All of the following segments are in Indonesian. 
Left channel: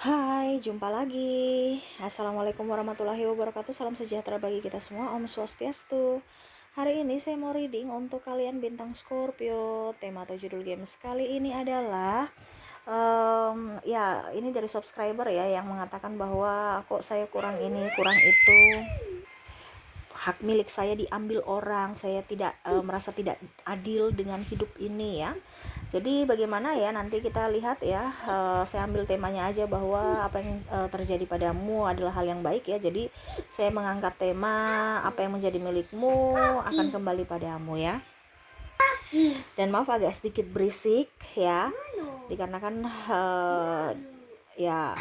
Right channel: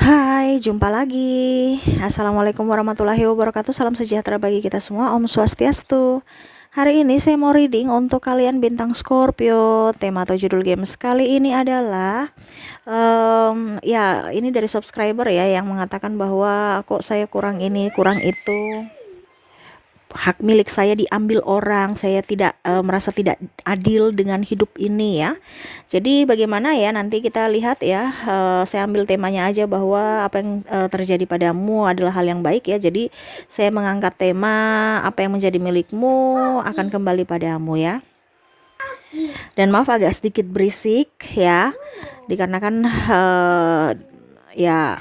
Hai, jumpa lagi. Assalamualaikum warahmatullahi wabarakatuh. Salam sejahtera bagi kita semua. Om Swastiastu. Hari ini saya mau reading untuk kalian bintang Scorpio. Tema atau judul games kali ini adalah ya ini dari subscriber ya yang mengatakan bahwa kok saya kurang ini, kurang itu, hak milik saya diambil orang, saya tidak merasa tidak adil dengan hidup ini ya. Jadi bagaimana ya, nanti kita lihat ya. Saya ambil temanya aja bahwa apa yang terjadi padamu adalah hal yang baik ya. Jadi saya mengangkat tema apa yang menjadi milikmu akan kembali padamu ya. Dan maaf agak sedikit berisik ya, dikarenakan ya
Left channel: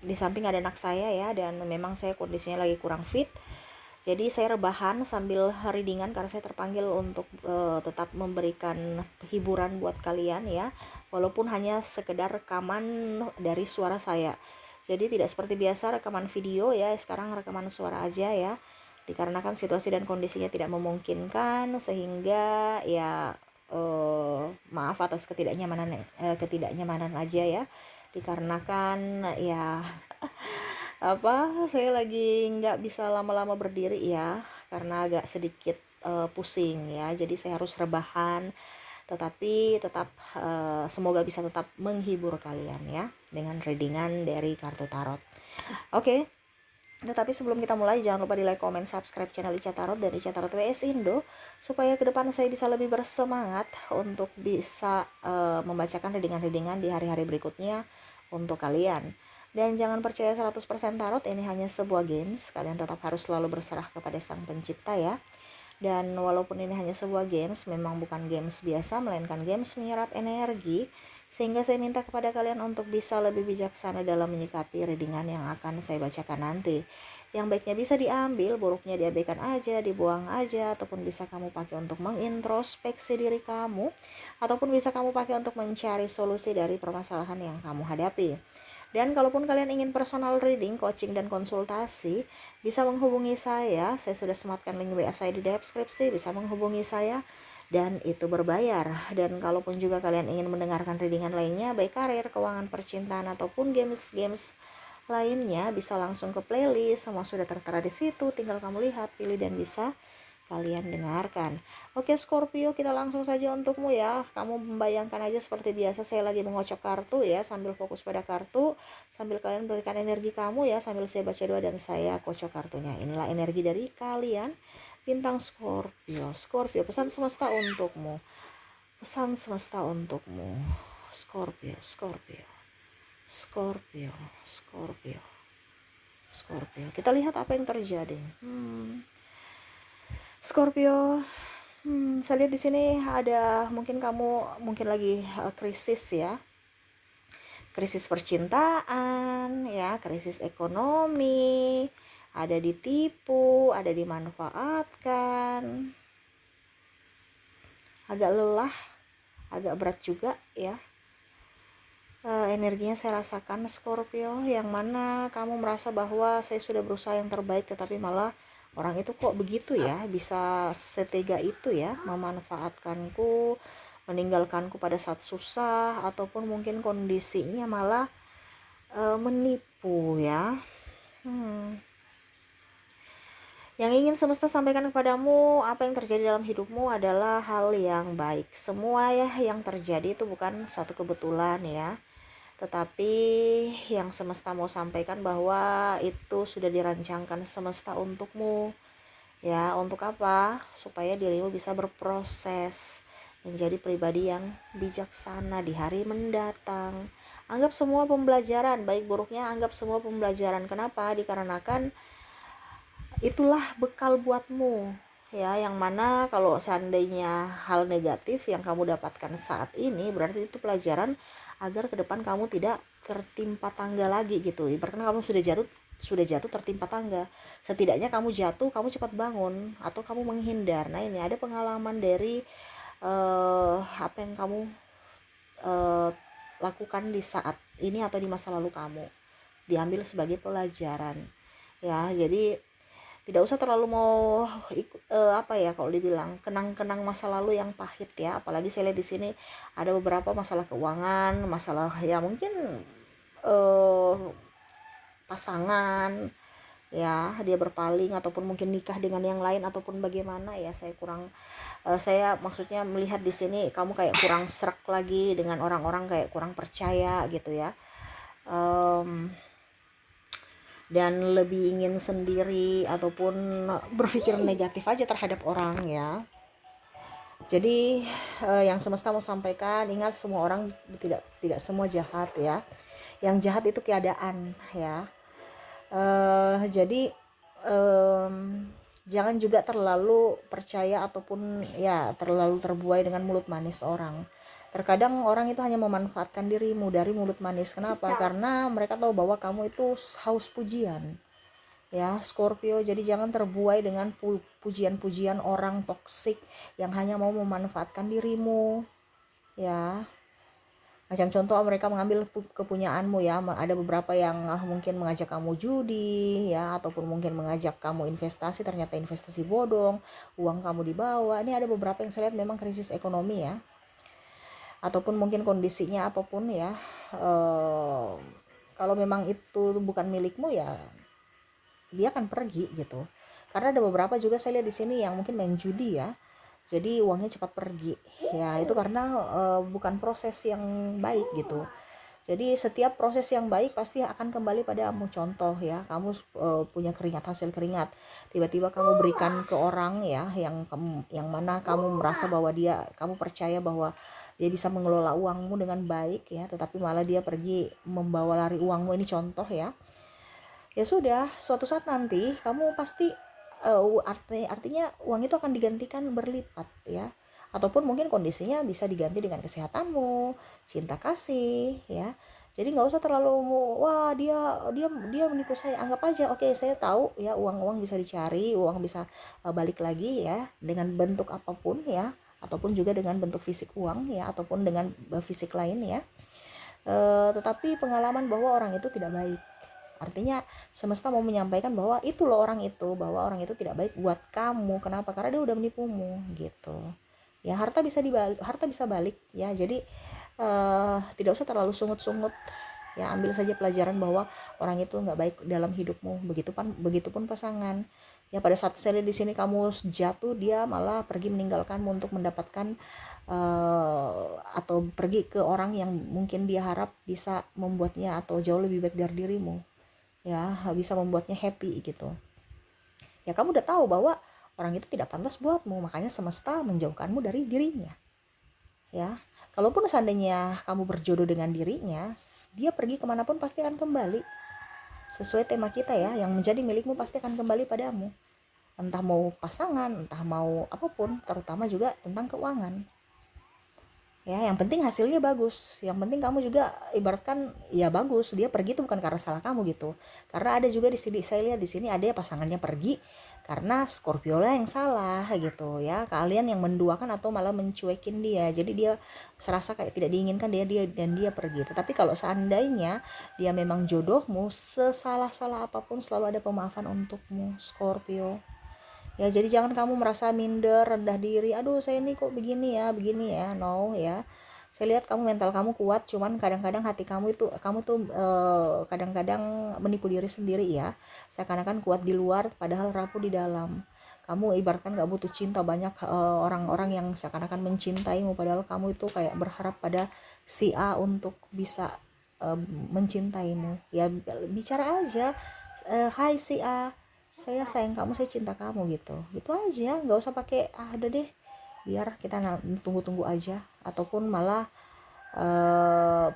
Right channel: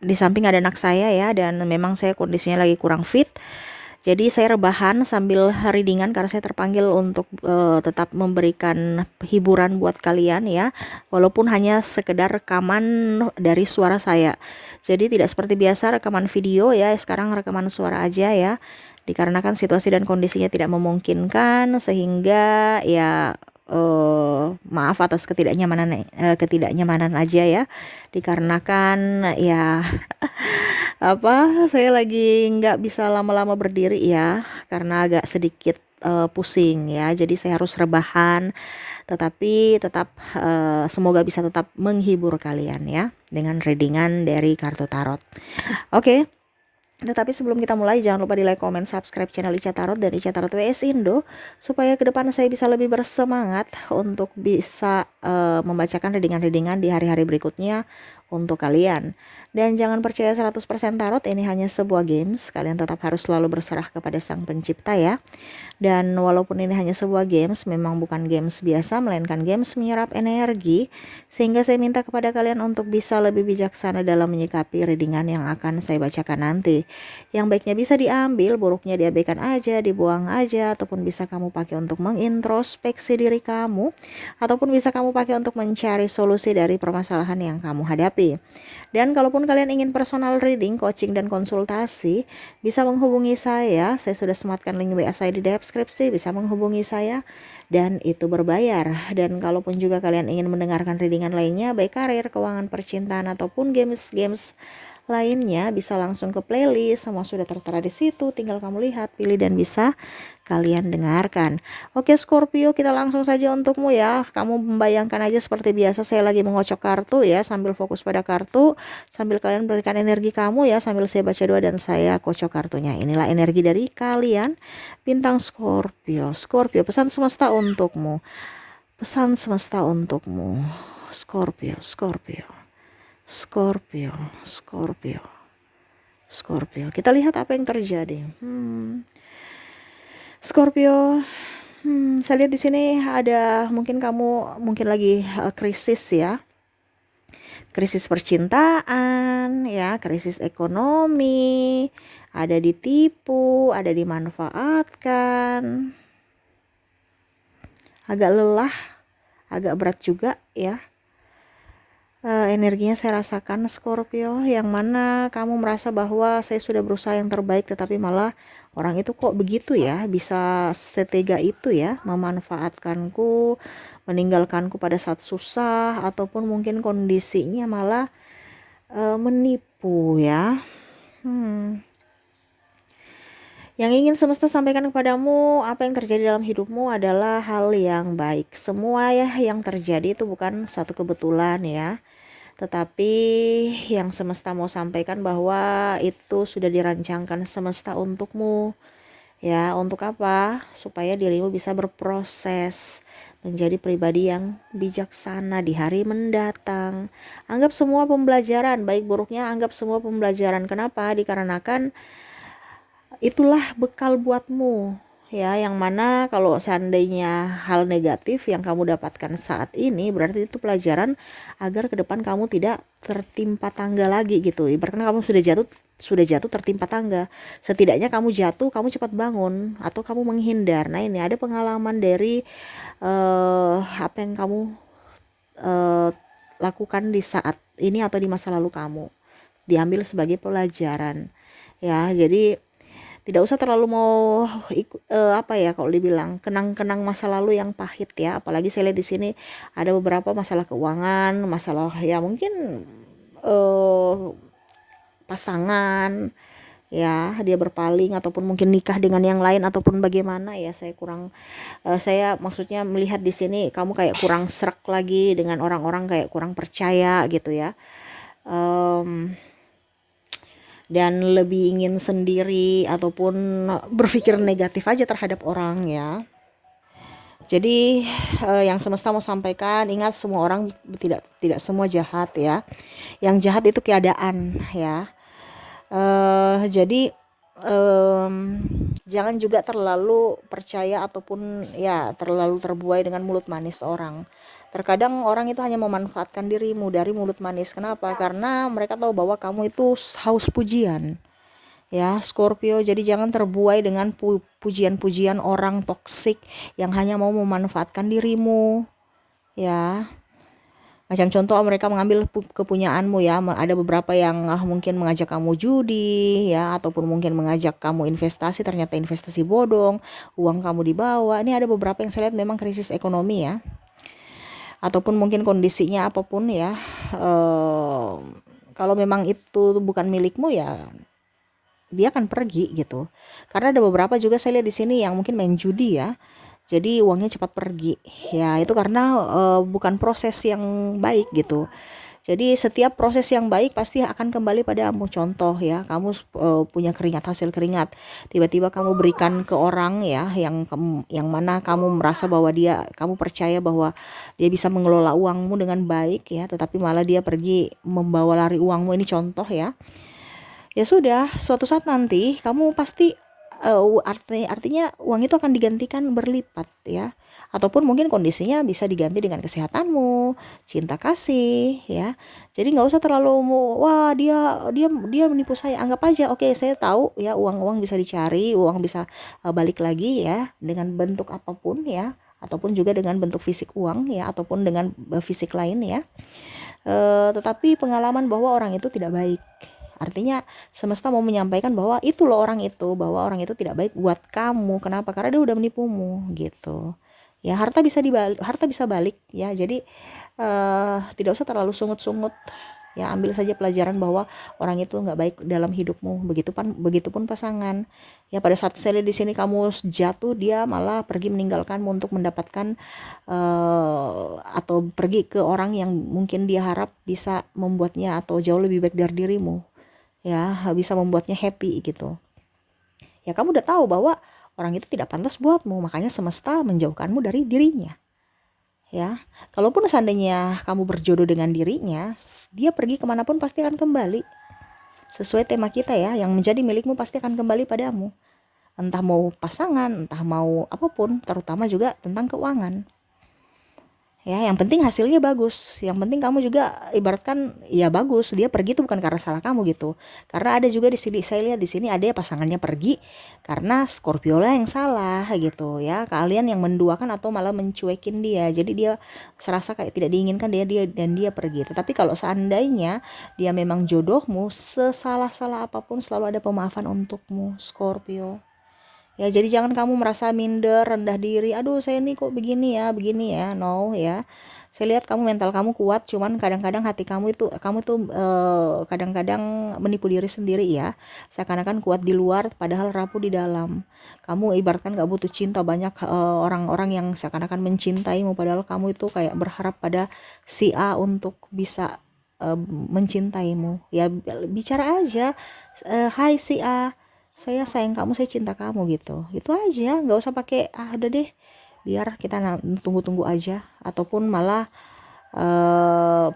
di samping ada anak saya ya, dan memang saya kondisinya lagi kurang fit. Jadi saya rebahan sambil readingan karena saya terpanggil untuk tetap memberikan hiburan buat kalian ya, walaupun hanya sekedar rekaman dari suara saya. Jadi tidak seperti biasa rekaman video ya, sekarang rekaman suara aja ya. Dikarenakan situasi dan kondisinya tidak memungkinkan, sehingga ya maaf atas ketidaknyamanan aja ya. Dikarenakan ya saya lagi nggak bisa lama-lama berdiri ya, karena agak sedikit pusing ya, jadi saya harus rebahan, tetapi tetap semoga bisa tetap menghibur kalian ya dengan readingan dari kartu tarot. Oke. Tetapi sebelum kita mulai, jangan lupa di like, comment, subscribe channel Ica Tarot dan Ica Tarot WS Indo, supaya ke depan saya bisa lebih bersemangat untuk bisa membacakan readingan-readingan di hari-hari berikutnya untuk kalian. Dan jangan percaya 100% tarot, ini hanya sebuah games. Kalian tetap harus selalu berserah kepada Sang Pencipta ya. Dan walaupun ini hanya sebuah games, memang bukan games biasa, melainkan games menyerap energi, sehingga saya minta kepada kalian untuk bisa lebih bijaksana dalam menyikapi readingan yang akan saya bacakan nanti. Yang baiknya bisa diambil, buruknya diabaikan aja, dibuang aja, ataupun bisa kamu pakai untuk mengintrospeksi diri kamu, ataupun bisa kamu pakai untuk mencari solusi dari permasalahan yang kamu hadapi. Dan kalaupun kalian ingin personal reading, coaching, dan konsultasi, bisa menghubungi saya. Saya sudah sematkan link WA saya di deskripsi, bisa menghubungi saya, dan itu berbayar. Dan kalaupun juga kalian ingin mendengarkan readingan lainnya, baik karir, keuangan, percintaan, ataupun games-games lainnya, bisa langsung ke playlist, semua sudah tertera di situ, tinggal kamu lihat, pilih, dan bisa kalian dengarkan. Oke Scorpio, kita langsung saja untukmu ya. Kamu membayangkan aja seperti biasa saya lagi mengocok kartu ya, sambil fokus pada kartu, sambil kalian berikan energi kamu ya, sambil saya baca doa dan saya kocok kartunya. Inilah energi dari kalian bintang Scorpio. Scorpio, pesan semesta untukmu, pesan semesta untukmu. Scorpio, Scorpio, Scorpio, Scorpio, Scorpio. Kita lihat apa yang terjadi. Scorpio, saya lihat di sini ada mungkin kamu lagi krisis ya. Krisis percintaan ya, krisis ekonomi, ada ditipu, ada dimanfaatkan. Agak lelah, agak berat juga ya. Energinya saya rasakan Scorpio, yang mana kamu merasa bahwa saya sudah berusaha yang terbaik, tetapi malah orang itu kok begitu ya, bisa setega itu ya memanfaatkanku, meninggalkanku pada saat susah, ataupun mungkin kondisinya malah menipu ya. Yang ingin semesta sampaikan kepadamu, apa yang terjadi dalam hidupmu adalah hal yang baik. Semua ya yang terjadi itu bukan suatu kebetulan ya, tetapi yang semesta mau sampaikan bahwa itu sudah dirancangkan semesta untukmu ya. Untuk apa? Supaya dirimu bisa berproses menjadi pribadi yang bijaksana di hari mendatang. Anggap semua pembelajaran, baik buruknya anggap semua pembelajaran. Kenapa? Dikarenakan itulah bekal buatmu ya, yang mana kalau seandainya hal negatif yang kamu dapatkan saat ini, berarti itu pelajaran agar ke depan kamu tidak tertimpa tangga lagi gitu. Ibaratnya kamu sudah jatuh tertimpa tangga, setidaknya kamu jatuh, kamu cepat bangun atau kamu menghindar. Nah ini ada pengalaman dari apa yang kamu lakukan di saat ini atau di masa lalu kamu, diambil sebagai pelajaran ya. Jadi tidak usah terlalu mau kalau dibilang kenang-kenang masa lalu yang pahit ya. Apalagi saya lihat di sini ada beberapa masalah keuangan, masalah ya mungkin eh, pasangan, ya dia berpaling ataupun mungkin nikah dengan yang lain ataupun bagaimana ya, saya maksudnya melihat di sini kamu kayak kurang serak lagi dengan orang-orang, kayak kurang percaya gitu ya. Em, dan lebih ingin sendiri ataupun berpikir negatif aja terhadap orang ya. Jadi yang semesta mau sampaikan, ingat semua orang tidak tidak semua jahat ya. Yang jahat itu keadaan ya. Jadi jangan juga terlalu percaya ataupun ya terlalu terbuai dengan mulut manis orang. Terkadang orang itu hanya memanfaatkan dirimu dari mulut manis. Kenapa? Karena mereka tahu bahwa kamu itu haus pujian. Ya, Scorpio, jadi jangan terbuai dengan pujian-pujian orang toksik yang hanya mau memanfaatkan dirimu. Ya, macam contoh mereka mengambil kepunyaanmu ya. Ada beberapa yang mungkin mengajak kamu judi ya, ataupun mungkin mengajak kamu investasi, ternyata investasi bodong, uang kamu dibawa. Ini ada beberapa yang saya lihat memang krisis ekonomi ya, ataupun mungkin kondisinya apapun ya. Kalau memang itu bukan milikmu ya dia akan pergi gitu. Karena ada beberapa juga saya lihat di sini yang mungkin main judi ya. Jadi uangnya cepat pergi. Ya, itu karena bukan proses yang baik gitu. Jadi setiap proses yang baik pasti akan kembali padamu. Contoh ya, kamu punya keringat, hasil keringat. Tiba-tiba kamu berikan ke orang ya yang mana kamu merasa bahwa kamu percaya bahwa dia bisa mengelola uangmu dengan baik ya, tetapi malah dia pergi membawa lari uangmu. Ini contoh ya. Ya sudah, suatu saat nanti kamu pasti artinya uang itu akan digantikan berlipat ya. Ataupun mungkin kondisinya bisa diganti dengan kesehatanmu, cinta kasih ya. Jadi nggak usah terlalu wah dia menipu saya. Anggap aja oke, saya tahu ya uang bisa dicari, uang bisa balik lagi ya dengan bentuk apapun ya, ataupun juga dengan bentuk fisik uang ya, ataupun dengan fisik lain ya. Tetapi pengalaman bahwa orang itu tidak baik. Artinya semesta mau menyampaikan bahwa itu loh orang itu, bahwa orang itu tidak baik buat kamu. Kenapa? Karena dia udah menipumu gitu. Ya, harta bisa balik ya. Jadi tidak usah terlalu sungut-sungut. Ya, ambil saja pelajaran bahwa orang itu nggak baik dalam hidupmu. Begitupun pasangan. Ya, pada saat saya lihat di sini kamu jatuh, dia malah pergi meninggalkanmu untuk mendapatkan atau pergi ke orang yang mungkin dia harap bisa membuatnya atau jauh lebih baik dari dirimu. Ya, bisa membuatnya happy gitu. Ya, kamu udah tahu bahwa orang itu tidak pantas buatmu, makanya semesta menjauhkanmu dari dirinya. Ya, kalaupun seandainya kamu berjodoh dengan dirinya, dia pergi kemanapun pasti akan kembali. Sesuai tema kita ya, yang menjadi milikmu pasti akan kembali padamu. Entah mau pasangan, entah mau apapun, terutama juga tentang keuangan. Ya, yang penting hasilnya bagus. Yang penting kamu juga ibaratkan ya bagus. Dia pergi itu bukan karena salah kamu gitu. Karena ada juga di sini saya lihat di sini ada pasangannya pergi karena Scorpio lah yang salah gitu ya. Kalian yang menduakan atau malah mencuekin dia. Jadi dia serasa kayak tidak diinginkan dia pergi. Tetapi kalau seandainya dia memang jodohmu, sesalah-salah apapun selalu ada pemaafan untukmu, Scorpio. Ya, jadi jangan kamu merasa minder, rendah diri. Aduh, saya ini kok begini ya. No ya. Saya lihat kamu mental kamu kuat, cuman kadang-kadang hati kamu tuh kadang-kadang menipu diri sendiri ya. Seakan-akan kuat di luar padahal rapuh di dalam. Kamu ibaratkan gak butuh cinta banyak orang-orang yang seakan-akan mencintaimu padahal kamu itu kayak berharap pada si A untuk bisa mencintaimu. Ya bicara aja, hai si A, saya sayang kamu, saya cinta kamu gitu. Itu aja, nggak usah pakai udah deh biar kita tunggu-tunggu aja, ataupun malah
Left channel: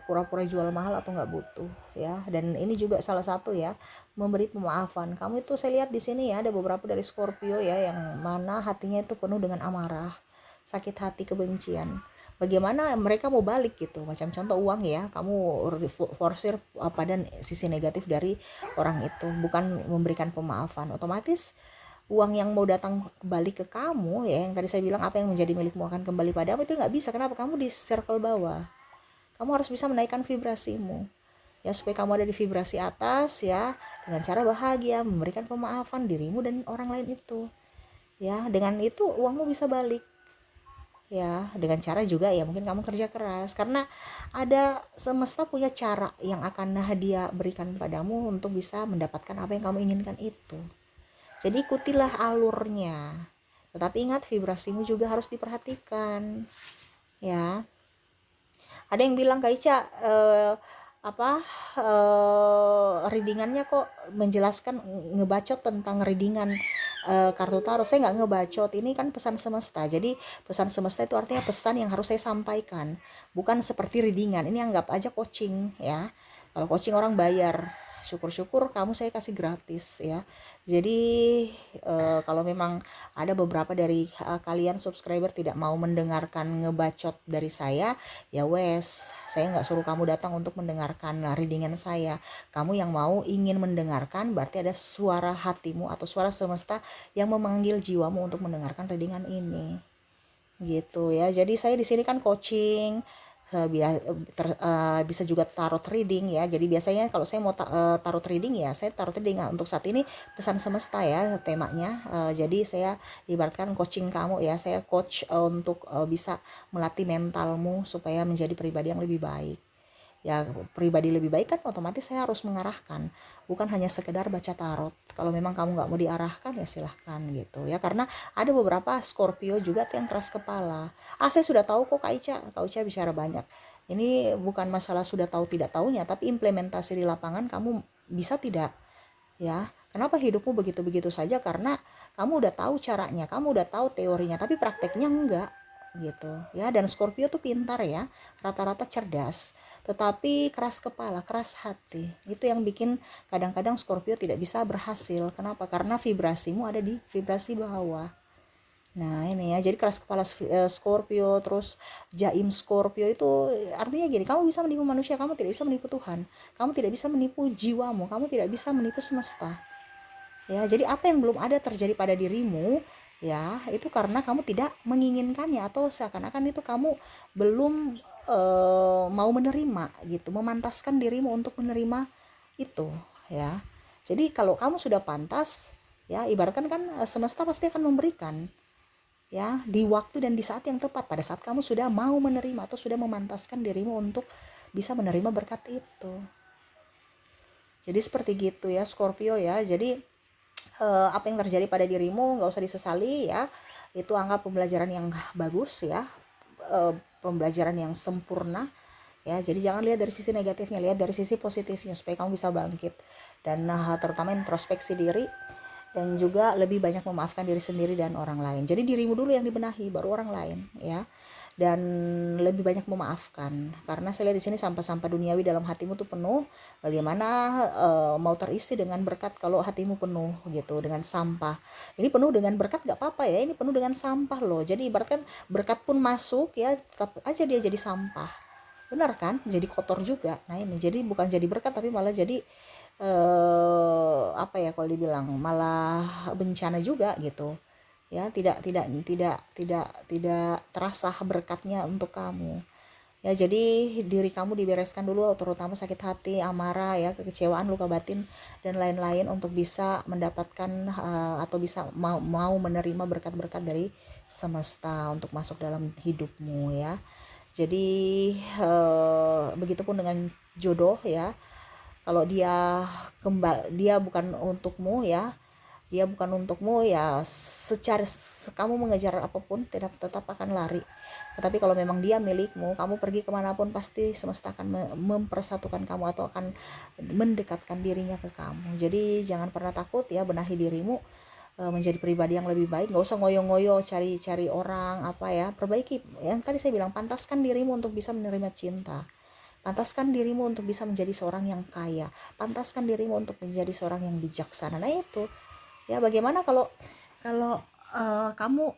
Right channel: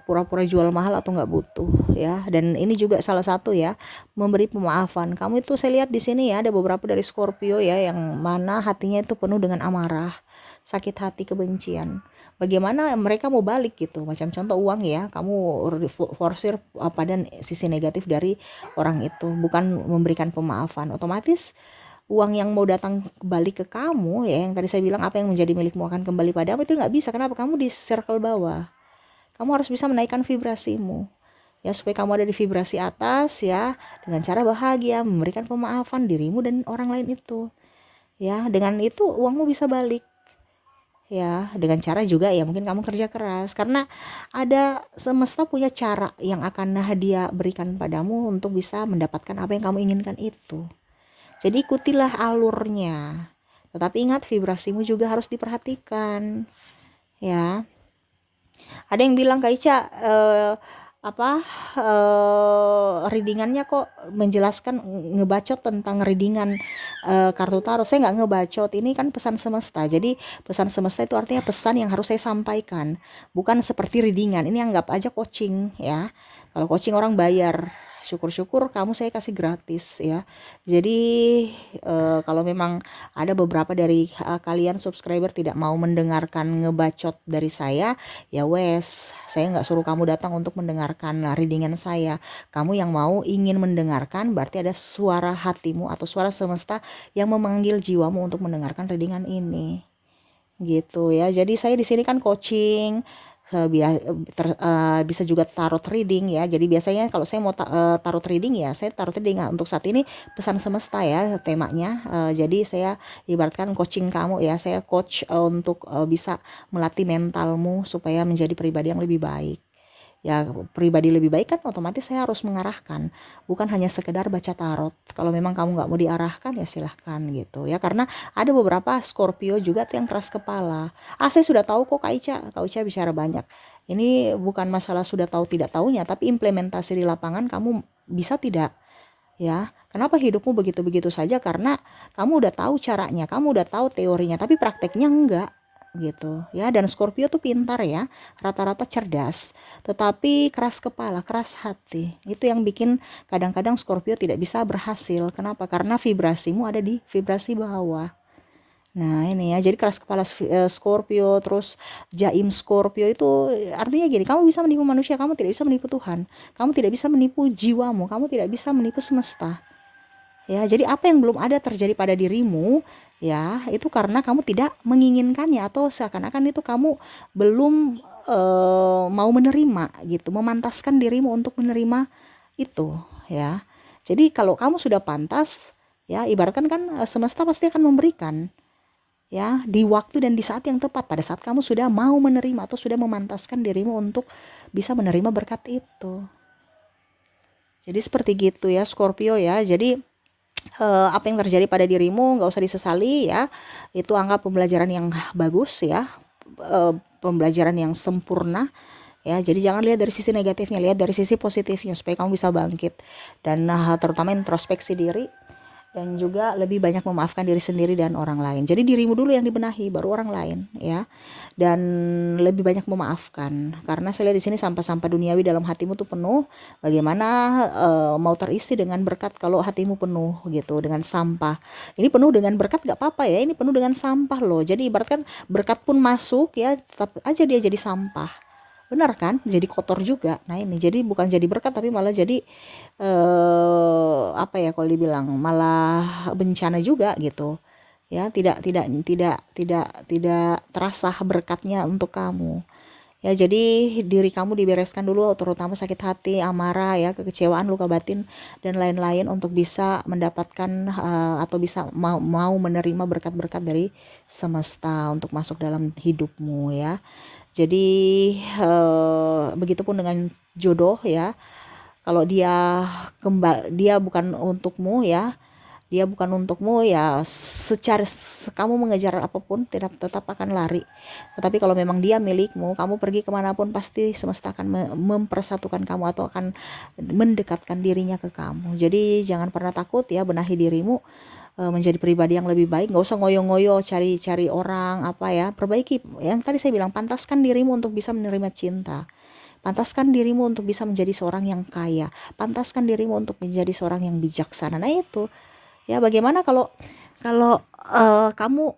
pura-pura jual mahal atau nggak butuh ya. Dan ini juga salah satu ya, memberi pemaafan. Kamu itu saya lihat di sini ya ada beberapa dari Scorpio ya yang mana hatinya itu penuh dengan amarah, sakit hati, kebencian. Bagaimana mereka mau balik gitu, macam contoh uang ya, kamu forsir pada sisi negatif dari orang itu, bukan memberikan pemaafan. Otomatis uang yang mau datang balik ke kamu ya, yang tadi saya bilang apa yang menjadi milikmu akan kembali padamu, itu nggak bisa. Kenapa? Kamu di circle bawah. Kamu harus bisa menaikkan vibrasimu ya, supaya kamu ada di vibrasi atas ya, dengan cara bahagia, memberikan pemaafan dirimu dan orang lain itu ya. Dengan itu uangmu bisa balik ya, dengan cara juga ya mungkin kamu kerja keras, karena ada semesta punya cara yang akan dia berikan padamu untuk bisa mendapatkan apa yang kamu inginkan itu. Jadi ikutilah alurnya, tetapi ingat vibrasimu juga harus diperhatikan ya. Ada yang bilang, Kak Ica, apa readingannya kok menjelaskan ngebacot tentang readingan kartu tarot. Saya nggak ngebacot, ini kan pesan semesta. Jadi pesan semesta itu artinya pesan yang harus saya sampaikan, bukan seperti readingan. Ini anggap aja coaching ya. Kalau coaching orang bayar, syukur-syukur kamu saya kasih gratis ya. Jadi kalau memang ada beberapa dari kalian subscriber tidak mau mendengarkan ngebacot dari saya, ya wes, saya nggak suruh kamu datang untuk mendengarkan readingan saya. Kamu yang mau ingin mendengarkan, berarti ada suara hatimu atau suara semesta yang memanggil jiwamu untuk mendengarkan readingan ini, gitu ya. Jadi saya di sini kan coaching, bisa juga tarot reading ya. Jadi biasanya kalau saya mau tarot reading ya saya tarot reading. Nah, untuk saat ini pesan semesta ya temanya. Jadi saya ibaratkan coaching kamu ya, saya coach untuk bisa melatih mentalmu supaya menjadi pribadi yang lebih baik. Ya pribadi lebih baik kan otomatis saya harus mengarahkan, bukan hanya sekedar baca tarot. Kalau memang kamu nggak mau diarahkan ya silahkan gitu ya, karena ada beberapa Scorpio juga tuh yang keras kepala. Saya sudah tahu kok Kak Ica bicara banyak. Ini bukan masalah sudah tahu tidak tahunya, tapi implementasi di lapangan kamu bisa tidak ya. Kenapa hidupmu begitu-begitu saja? Karena kamu udah tahu caranya, kamu udah tahu teorinya, tapi prakteknya enggak gitu ya. Dan Scorpio tuh pintar ya, rata-rata cerdas, tetapi keras kepala, keras hati. Itu yang bikin kadang-kadang Scorpio tidak bisa berhasil. Kenapa? Karena vibrasimu ada di vibrasi bawah. Nah ini ya, jadi keras kepala Scorpio, terus jaim Scorpio itu artinya gini, kamu bisa menipu manusia, kamu tidak bisa menipu Tuhan, kamu tidak bisa menipu jiwamu, kamu tidak bisa menipu semesta. Ya, jadi apa yang belum ada terjadi pada dirimu, ya, itu karena kamu tidak menginginkannya atau seakan-akan itu kamu belum mau menerima gitu, memantaskan dirimu untuk menerima itu, ya. Jadi kalau kamu sudah pantas, ya, ibaratkan kan semesta pasti akan memberikan, ya, di waktu dan di saat yang tepat pada saat kamu sudah mau menerima atau sudah memantaskan dirimu untuk bisa menerima berkat itu. Jadi seperti gitu ya Scorpio ya. Jadi apa yang terjadi pada dirimu nggak usah disesali ya, itu anggap pembelajaran yang bagus ya, pembelajaran yang sempurna ya. Jadi jangan lihat dari sisi negatifnya, lihat dari sisi positifnya supaya kamu bisa bangkit dan terutama introspeksi diri dan juga lebih banyak memaafkan diri sendiri dan orang lain. Jadi dirimu dulu yang dibenahi, baru orang lain ya. Dan lebih banyak memaafkan. Karena saya lihat di sini sampah-sampah duniawi dalam hatimu tuh penuh. Bagaimana mau terisi dengan berkat kalau hatimu penuh gitu dengan sampah. Ini penuh dengan berkat gak apa-apa ya. Ini penuh dengan sampah loh. Jadi ibaratkan berkat pun masuk ya, tetap aja dia jadi sampah. Benar kan? Jadi kotor juga. Nah ini jadi bukan jadi berkat tapi malah jadi apa ya kalau dibilang malah bencana juga gitu ya. Tidak terasa berkatnya untuk kamu ya. Jadi diri kamu dibereskan dulu, terutama sakit hati, amarah ya, kekecewaan, luka batin dan lain-lain untuk bisa mendapatkan atau bisa mau menerima berkat-berkat dari semesta untuk masuk dalam hidupmu ya. Jadi begitupun dengan jodoh ya. Kalau dia bukan untukmu ya, dia bukan untukmu ya, secara kamu mengejar apapun tetap akan lari. Tetapi kalau memang dia milikmu, kamu pergi kemanapun pasti semesta akan mempersatukan kamu atau akan mendekatkan dirinya ke kamu. Jadi jangan pernah takut ya, benahi dirimu menjadi pribadi yang lebih baik. Nggak usah ngoyo-ngoyo cari orang apa ya, perbaiki yang tadi saya bilang, pantaskan dirimu untuk bisa menerima cinta. Pantaskan dirimu untuk bisa menjadi seorang yang kaya. Pantaskan dirimu untuk menjadi seorang yang bijaksana. Nah itu ya, bagaimana kalau kalau kamu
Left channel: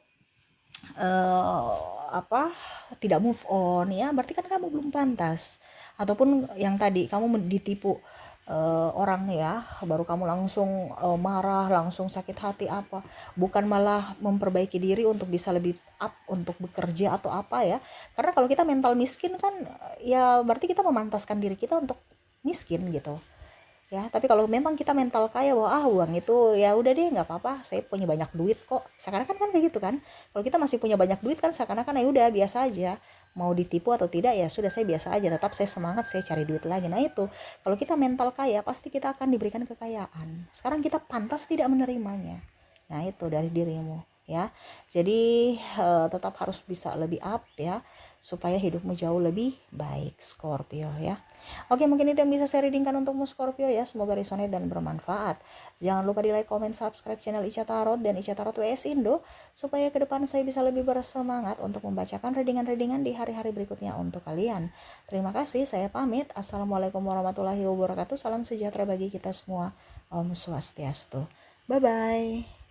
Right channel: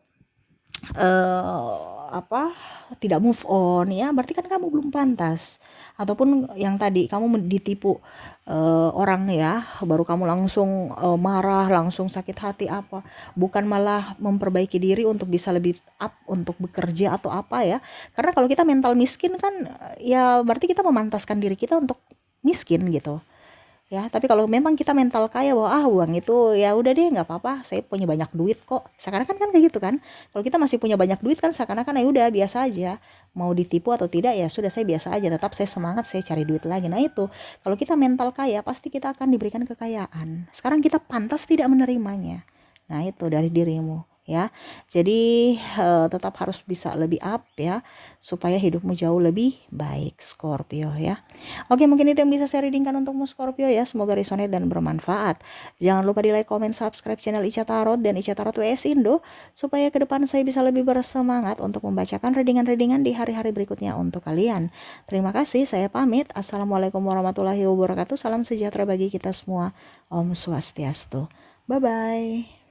apa tidak move on ya, berarti kan kamu belum pantas. Ataupun yang tadi kamu ditipu orang ya, baru kamu langsung marah, langsung sakit hati apa, bukan malah memperbaiki diri untuk bisa lebih up untuk bekerja atau apa ya. Karena kalau kita mental miskin kan ya berarti kita memantaskan diri kita untuk miskin gitu ya. Tapi kalau memang kita mental kaya bahwa uang itu ya udah deh nggak apa-apa, saya punya banyak duit kok, seakan-akan kan kayak gitu kan. Kalau kita masih punya banyak duit kan seakan-akan ya udah biasa aja, mau ditipu atau tidak ya sudah, saya biasa aja, tetap saya semangat, saya cari duit lagi. Nah itu, kalau kita mental kaya pasti kita akan diberikan kekayaan. Sekarang kita pantas tidak menerimanya. Nah itu dari dirimu ya. Jadi tetap harus bisa lebih up ya, supaya hidupmu jauh lebih baik, Scorpio ya. Oke, mungkin itu yang bisa saya readingkan untukmu, Scorpio ya. Semoga resonate dan bermanfaat. Jangan lupa di like, comment, subscribe channel Ica Tarot dan Ica Tarot WS Indo, supaya ke depan saya bisa lebih bersemangat untuk membacakan readingan-readingan di hari-hari berikutnya untuk kalian. Terima kasih, saya pamit. Assalamualaikum warahmatullahi wabarakatuh. Salam sejahtera bagi kita semua. Om Swastiastu. Bye-bye.